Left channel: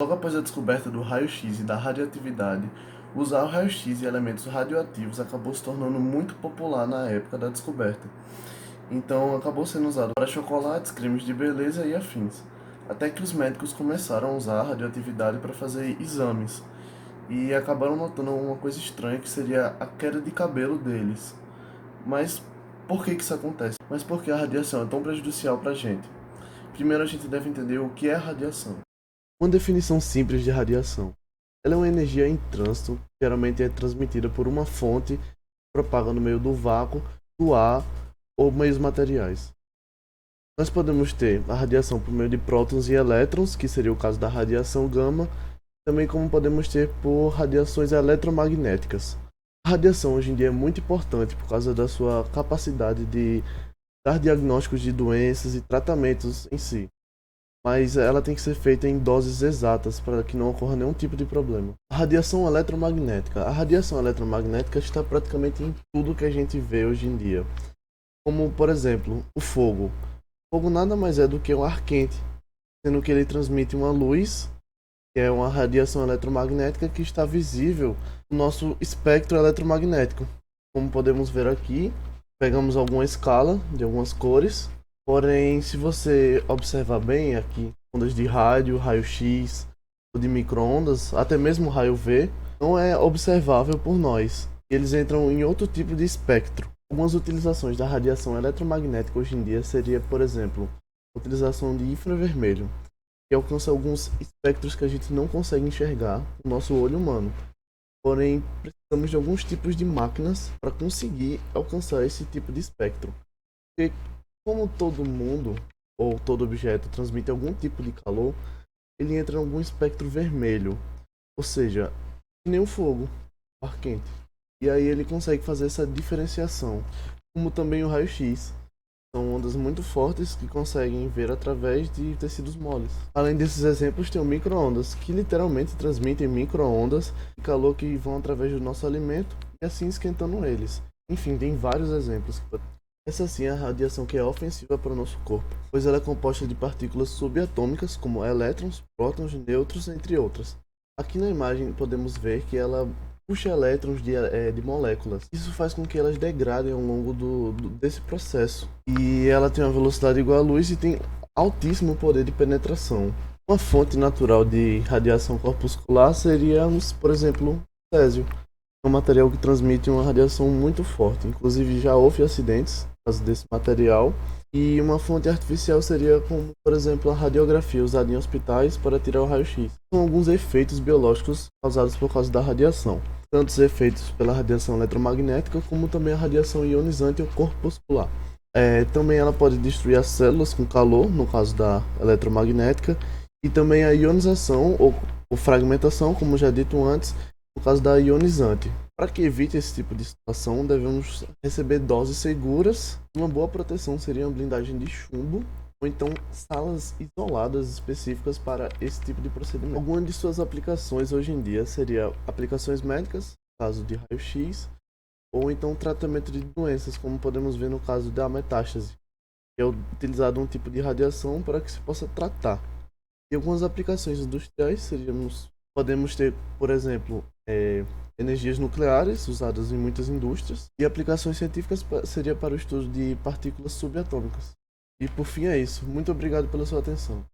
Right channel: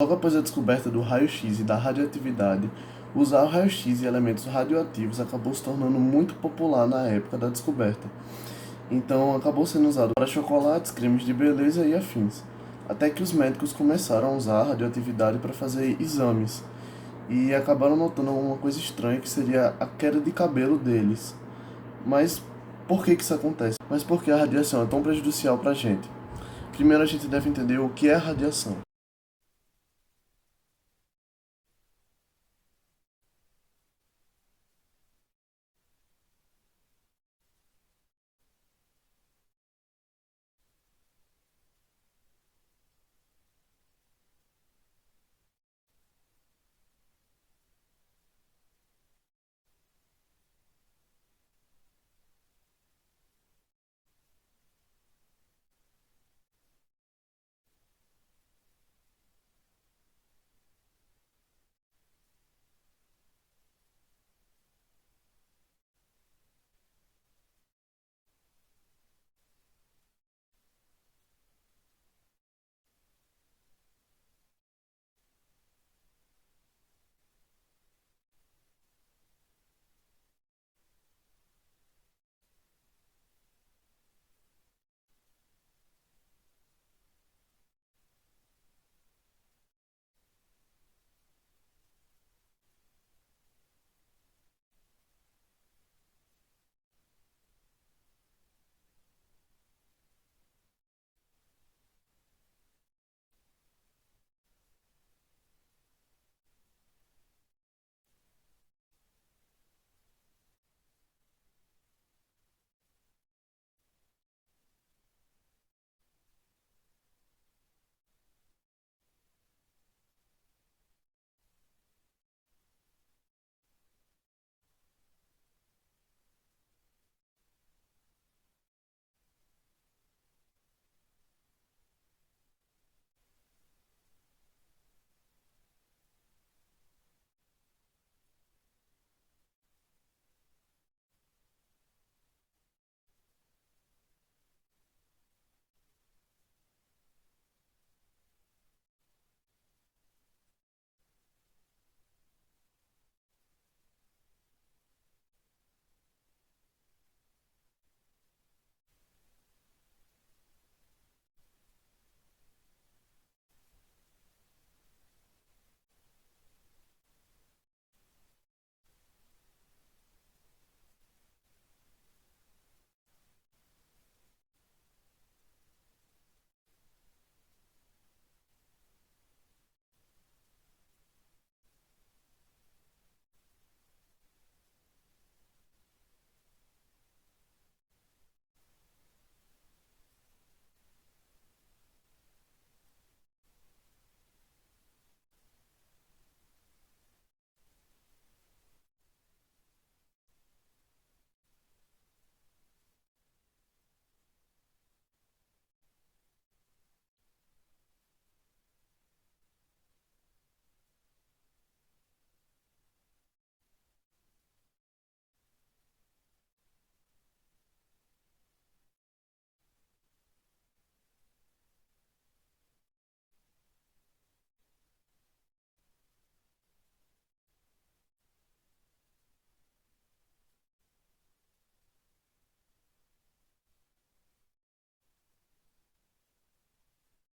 Logo após a descoberta do raio-x e da radioatividade, usar o raio-x e elementos radioativos acabou se tornando muito popular na época da descoberta. Então, acabou sendo usado para chocolates, cremes de beleza e afins. Até que os médicos começaram a usar a radioatividade para fazer exames e acabaram notando uma coisa estranha que seria a queda de cabelo deles. Mas por que isso acontece? Mas por que a radiação é tão prejudicial para a gente? Primeiro, a gente deve entender o que é radiação. Uma definição simples de radiação. Ela é uma energia em trânsito, que geralmente é transmitida por uma fonte que propaga no meio do vácuo, do ar ou meios materiais. Nós podemos ter a radiação por meio de prótons e elétrons, que seria o caso da radiação gama, também como podemos ter por radiações eletromagnéticas. A radiação hoje em dia é muito importante por causa da sua capacidade de dar diagnósticos de doenças e tratamentos em si, mas ela tem que ser feita em doses exatas para que não ocorra nenhum tipo de problema. A radiação eletromagnética. A radiação eletromagnética está praticamente em tudo que a gente vê hoje em dia, como por exemplo o fogo. O fogo nada mais é do que um ar quente, sendo que ele transmite uma luz, que é uma radiação eletromagnética que está visível no nosso espectro eletromagnético. Como podemos ver aqui, pegamos alguma escala de algumas cores, porém, se você observar bem aqui, ondas de rádio, raio-x, ou de micro-ondas, até mesmo raio V, não é observável por nós. Eles entram em outro tipo de espectro. Algumas utilizações da radiação eletromagnética hoje em dia seria, por exemplo, a utilização de infravermelho, que alcança alguns espectros que a gente não consegue enxergar com o nosso olho humano. Porém, precisamos de alguns tipos de máquinas para conseguir alcançar esse tipo de espectro. Porque, como todo mundo ou todo objeto transmite algum tipo de calor, ele entra em algum espectro vermelho, ou seja, que nem o fogo, o ar quente. E aí ele consegue fazer essa diferenciação, como também o raio-x. São ondas muito fortes que conseguem ver através de tecidos moles. Além desses exemplos, tem o micro-ondas, que literalmente transmitem micro-ondas de calor que vão através do nosso alimento e assim esquentando eles. Enfim, tem vários exemplos. Essa sim é a radiação que é ofensiva para o nosso corpo, pois ela é composta de partículas subatômicas como elétrons, prótons, nêutrons, entre outras. Aqui na imagem podemos ver que ela puxa elétrons de moléculas. Isso faz com que elas degradem ao longo desse processo. E ela tem uma velocidade igual à luz e tem altíssimo poder de penetração. Uma fonte natural de radiação corpuscular seria, por exemplo, o césio. É um material que transmite uma radiação muito forte. Inclusive já houve acidentes por causa desse material. E uma fonte artificial seria como, por exemplo, a radiografia usada em hospitais para tirar o raio-x. São alguns efeitos biológicos causados por causa da radiação, tanto os efeitos pela radiação eletromagnética como também a radiação ionizante ou corpuscular. Também ela pode destruir as células com calor, no caso da eletromagnética, e também a ionização ou fragmentação, como já dito antes, no caso da ionizante. Para que evite esse tipo de situação, devemos receber doses seguras. Uma boa proteção seria uma blindagem de chumbo ou então salas isoladas específicas para esse tipo de procedimento. Algumas de suas aplicações hoje em dia seria aplicações médicas, no caso de raio-x, ou então tratamento de doenças, como podemos ver no caso da metástase, que é utilizado um tipo de radiação para que se possa tratar. E algumas aplicações industriais podemos ter, por exemplo, energias nucleares usadas em muitas indústrias, e aplicações científicas seria para o estudo de partículas subatômicas. E por fim é isso. Muito obrigado pela sua atenção.